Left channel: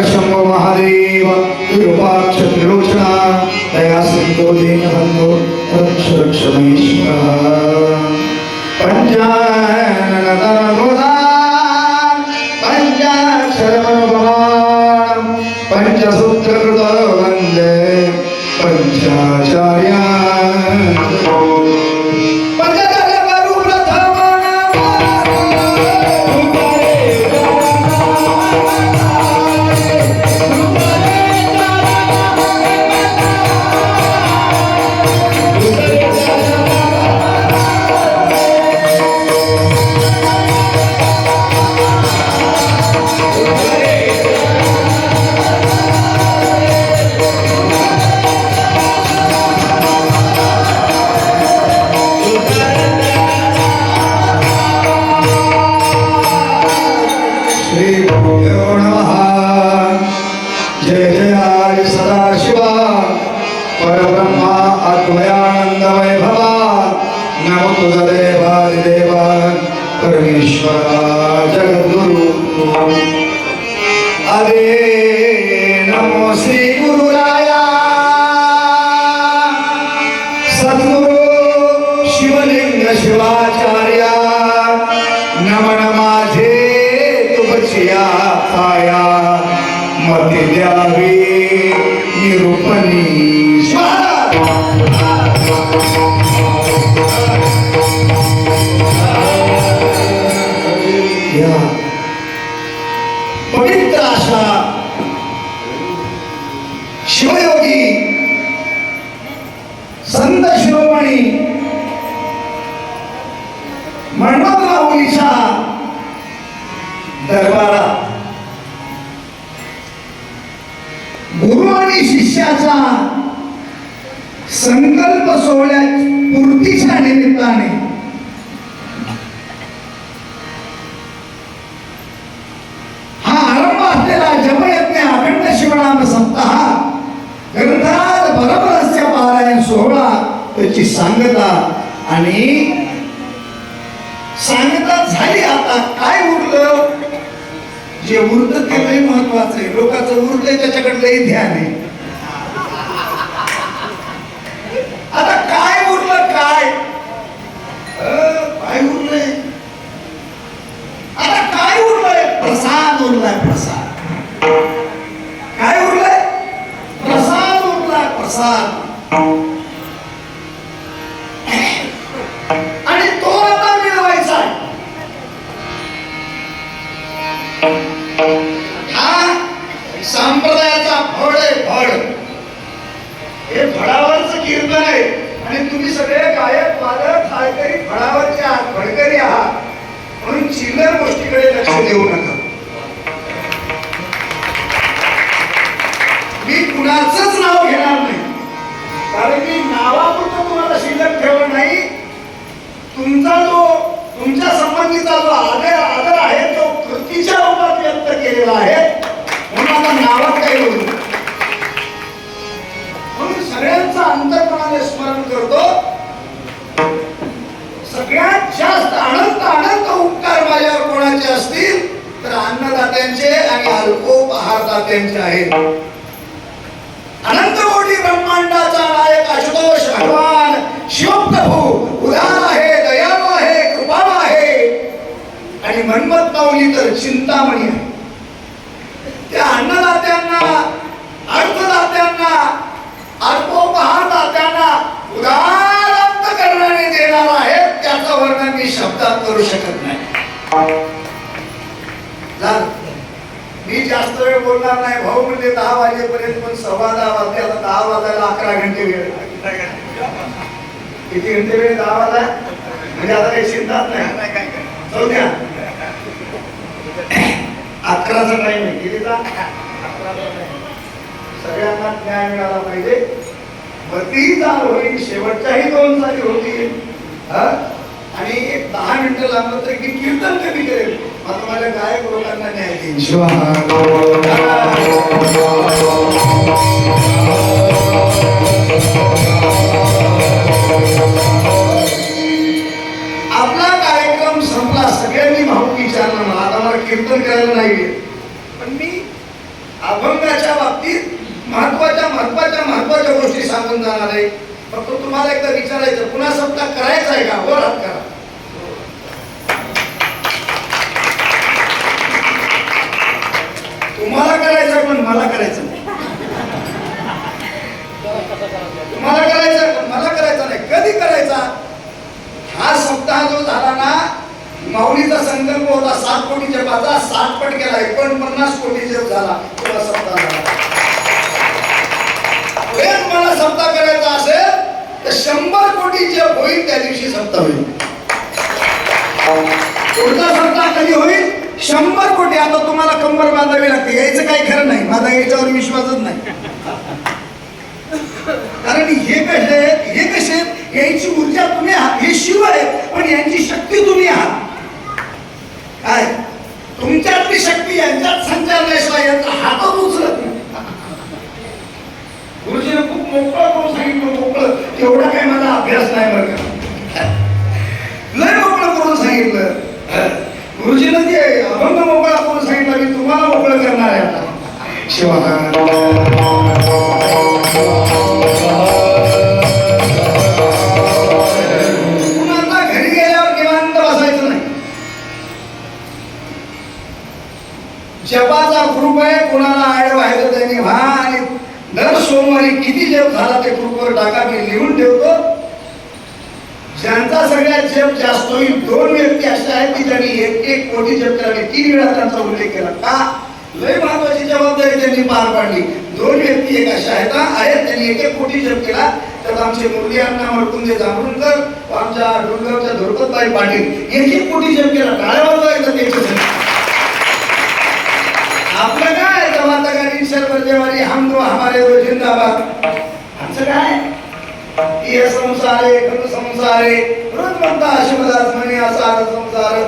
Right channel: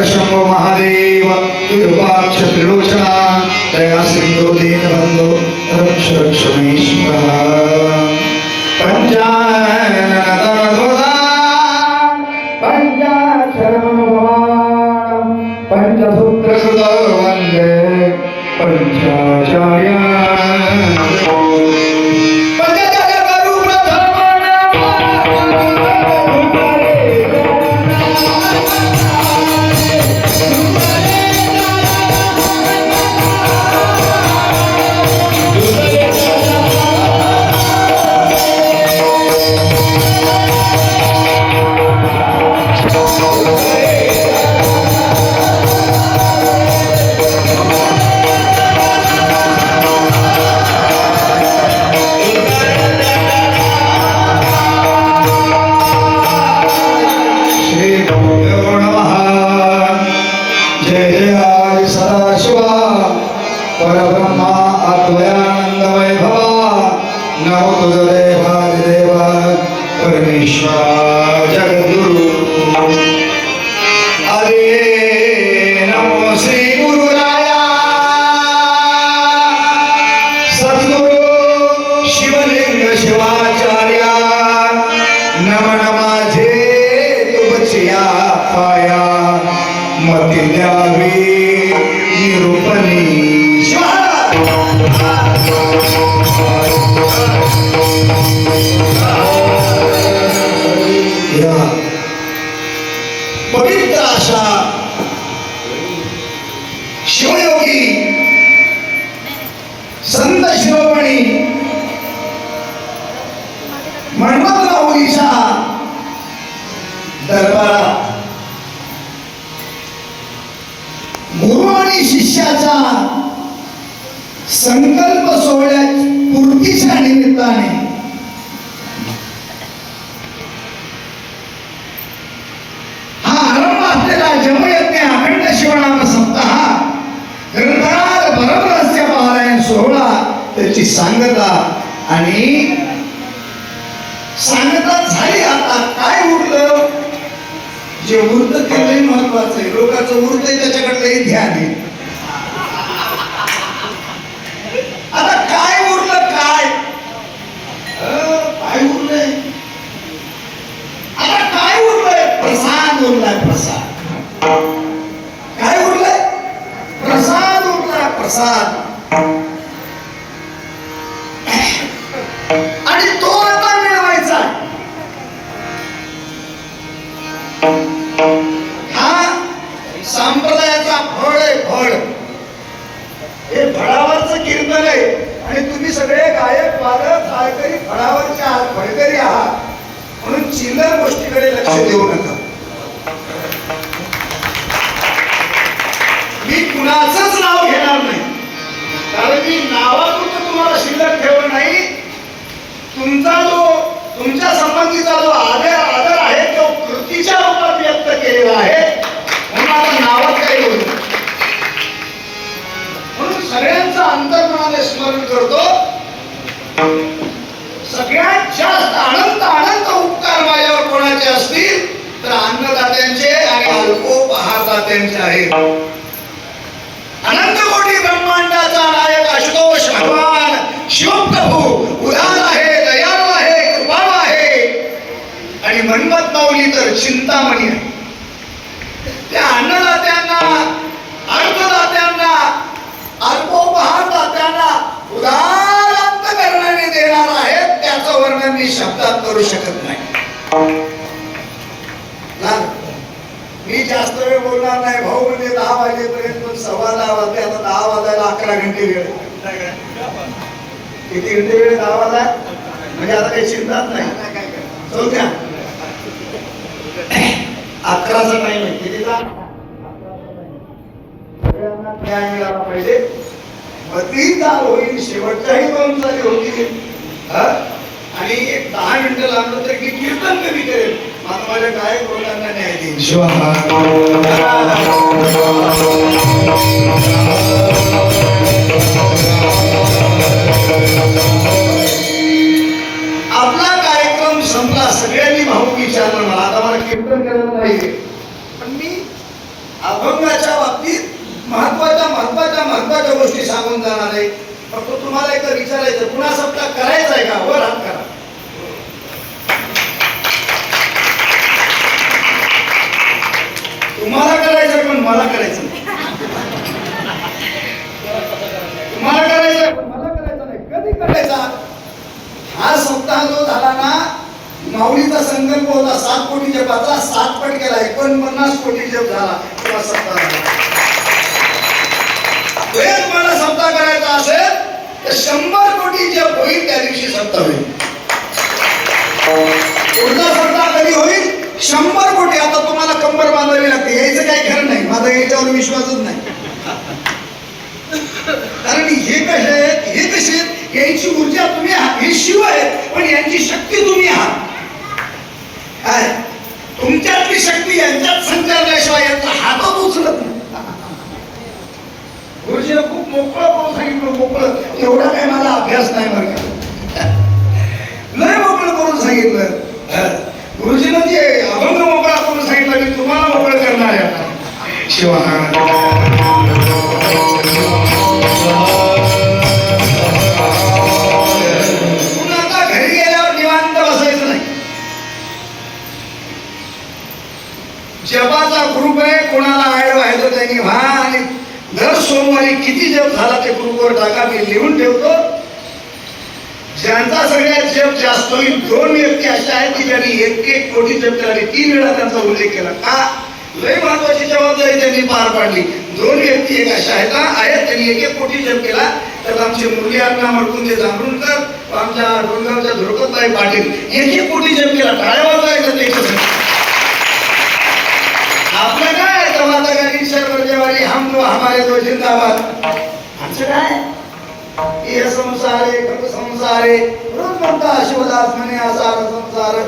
हर शंभो महादेव विरूपाक्ष त्रिलोचना दया सिंधो दीन बंधो रक्ष रक्ष महेश्वर पंचानन तन दोदा पंचाक्षर मनोभार पंचसूत्र कृत वंदे पंचाचार्या परब्रह्मा नव नमो तुदरे भारिदेव परमेश्वरा। दरबारा गुरु आणि शिष्याचा संकल्प सोहळ्यात पूर्तीच्या निमित्ताने हा आरंभ असलेला जमयज्ञ अखंड शिवनाम सप्ताह ग्रंथात भरमरस्य पारायण सोहळा त्याची सांगता आणि जे उरतं ते लय महत्वाचं आहे. लोकांचं उरतंय त्याच्याकडे लई ध्यान आहे. आता काय उरलं काय? अं, काय उरलंय? आता काय उरलंय? प्रसाद उरलाय प्रसाद. हा? संप्रदायाचा फळ आहे फळ हे फळावरचं कीर्तन आहे. आणि तुम्ही सगळे गायक वादक गायकरी फळावरचे आहात फळकरी आहात. म्हणून चिल्लर गोष्टीकडे लक्ष देऊ नका. अन्नदात्यांचे आणि अल्पोपहारदात्यांचे आहेत अनंत कोटी ब्रह्मांडाचा नायक आशुतोष भगवान शिवप्रभू उदार आहे दयाळू आहे कृपाळू आहे. आणि मनमत माऊली तर चिंतामणी आहे. त्या अन्नदात्यांना अर्थदात्यांना अल्पोपहारदात्यांना उदार अंतकरणाने देणार आहेत त्याचं वर्णन मी शब्दात करू शकत नाही. बोलणार नाही. भाऊ म्हणजे दहा वाजेपर्यंत पण सव्वा दहा वाजते आता दहा वाजायला अकरा घंटे वेळ किती घंटे वेळ दहा वाजा म्हणजे आता काही चिंताच नाही. जाऊ द्या. अकराचा टाइम आहे. कितीचा? सगळ्यांना न्याय मिळाला पाहिजे. मधली चाल होईल. शेवटच्याही दोन चाली होती आणि एक दहा मिनिटं लागलं तरी की कीर्तन कधी करेल? लोकांना न्याय देईल आपला कार्यक्रम संपला सगळ्यांनी भाऊ विचारलं मला. आता मला कीर्तन करायला नाही पण मी अभंगाच्या बाबतीत महत्त्वाच्या महत्त्वाच्या महत्त्वाच्या गोष्टी सांगून जाणार आहे. फक्त तुम्हाला एकदा विचारायचं पुन्हा सप्ताह करायचा नाही कधी करायचा. हा सप्ताह जो झाला ना माऊलीचा संकल्प होता सात कोटी जपाचा सात पट केला एकोणपन्नास कोटी जप झाला. तेव्हा सप्ताह झाला. वेळ मला सप्ताह करायचा असेल तर शंभर कोटी जप होईल त्या दिवशी सप्ताह होईल. पुढचा सप्ताह कधी होईल? शंभर कोटी. आता तुम्हाला कंबर बांधावी लागते. यायचं काही खरं नाही. माझा याच्यावर विश्वासच नाही कारण हे कसे आहेत हे कसे आहेत यांची ऊर्जा तुम्ही आहात हे शिव आहेत पण यांची शक्ती तुम्ही आहात. काय? तुमच्यातली शक्ती यांच्यात संचारल्याशिवाय यांचा हातच उचलत नाही. गुरुजीने खूप मोकळं करून सांगितलं मोकळं. तेवढा काही मला अभ्यास नाही ग्रुप आहे कोणाला ऍड व्हायचं त्यांनी व्हा आणि दर सोमवारी किती जप झाला ते ग्रुपवर टाका मी लिहून ठेवतो. ज्यांचा सगळ्यात जप जास्त होईल दोन व्यक्ती अशा आहेत की ज्यांनी एक एक कोटी जप केला आणि तीन वेळा त्यांचा उल्लेख केला. का? लय महत्वाची जबाबदारी त्यांनी पार पाडली. दोन व्यक्ती एक अशा आहेत हा, आहेत. त्यांनी एक एक कोटी जप केला. तर आमचे मुली अण्णा मरकुंदे जांभरूणकर आमच्या डोंगरच्या धुडकोबाई पाटील एक एक कोटी हम दो हमारे दो आमचं काय? ये संसार आहे खंड संसार. आहे रोज म्हणता शिवदास म्हणे असा संसार.